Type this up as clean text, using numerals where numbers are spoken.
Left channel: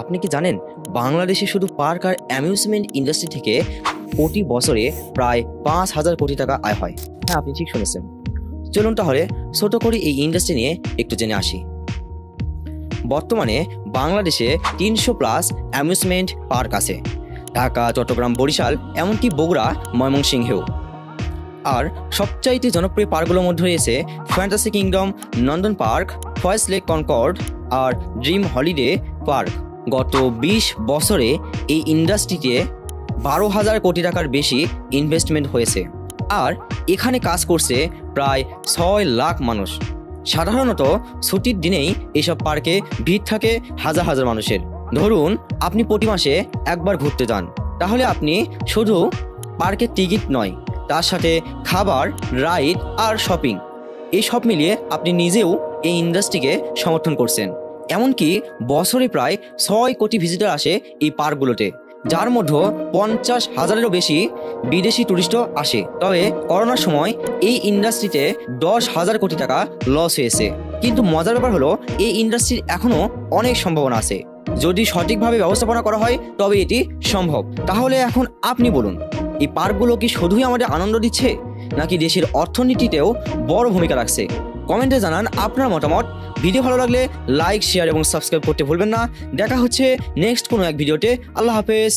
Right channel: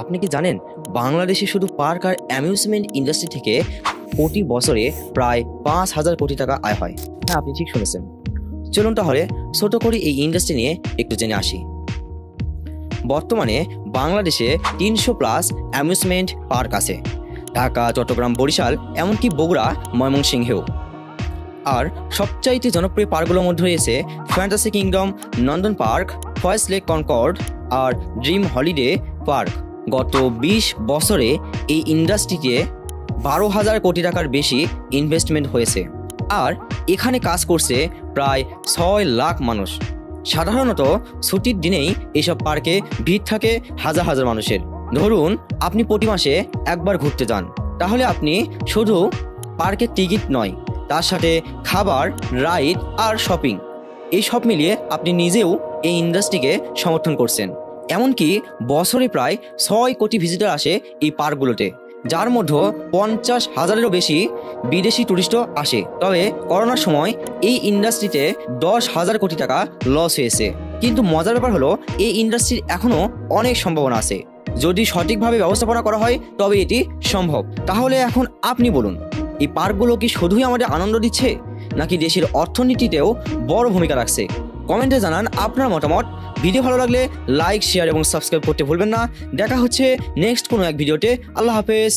আপনি কি জানেন বাংলাদেশে শুধু পার্ক আর অ্যামিউজমেন্ট ইন্ডাস্ট্রি থেকে প্রতি বছরে প্রায় 5,000 কোটি টাকা আয় হয়? হ্যাঁ, আপনি ঠিক শুনেছেন। চলুন তাহলে ছোট করে এই ইন্ডাস্ট্রি নিয়ে একটু জেনে আসি। বর্তমানে বাংলাদেশে 300+ অ্যামিউজমেন্ট পার্ক আছে, ঢাকা, চট্টগ্রাম, বরিশাল, এমনকি বগুড়া, ময়মনসিংহেও। আর সবচাইতে জনপ্রিয় পার্কগুলোর মধ্যে রয়েছে ফ্যান্টাসি কিংডম, নন্দন পার্ক, ফয়েজ লেক কনকর্ড আর ড্রিম হলিডে পার্ক। গত 20 বছরে এই ইন্ডাস্ট্রিতে 12,000 কোটি টাকার বেশি ইনভেস্টমেন্ট হয়েছে, আর এখানে কাজ করছে প্রায় 6 লাখ মানুষ। সাধারণত ছুটির দিনেই এসব পার্কে ভিড় থাকে হাজার হাজার মানুষের। ধরুন আপনি প্রতি মাসে একবার ঘুরতে যান, তাহলে আপনি শুধু পার্কের টিকিট নয়, তার সাথে খাবার, রাইড আর শপিং, এই সব মিলিয়ে আপনি নিজেও এই ইন্ডাস্ট্রিকে সমর্থন করছেন। এমনকি বছরে প্রায় 6 কোটি ভিজিটর আসে এই পার্কগুলোতে, যার মধ্যে 50,000-এরও বেশি বিদেশি টুরিস্টও আসে। তবে করোনার সময় এই ইন্ডাস্ট্রিতে 10,000 কোটি টাকা লস হয়েছে। কিন্তু মজার ব্যাপার হলো, এই ইন্ডাস্ট্রির এখনো অনেক সম্ভাবনা আছে। যদি সঠিকভাবে ব্যবস্থাপনা করা হয় তবে এটি সম্ভব। তাহলে এখন আপনি বলুন, এই পার্কগুলো কি শুধুই আমাদের আনন্দ দিচ্ছে, নাকি দেশের অর্থনীতিতেও বড় ভূমিকা রাখছে? কমেন্টে জানান আপনার মতামত। ভিডিও ভালো লাগলে লাইক, শেয়ার এবং সাবস্ক্রাইব করতে ভুলবেন না। দেখা হচ্ছে নেক্সট কোনো এক ভিডিওতে। আল্লাহ হাফেজ।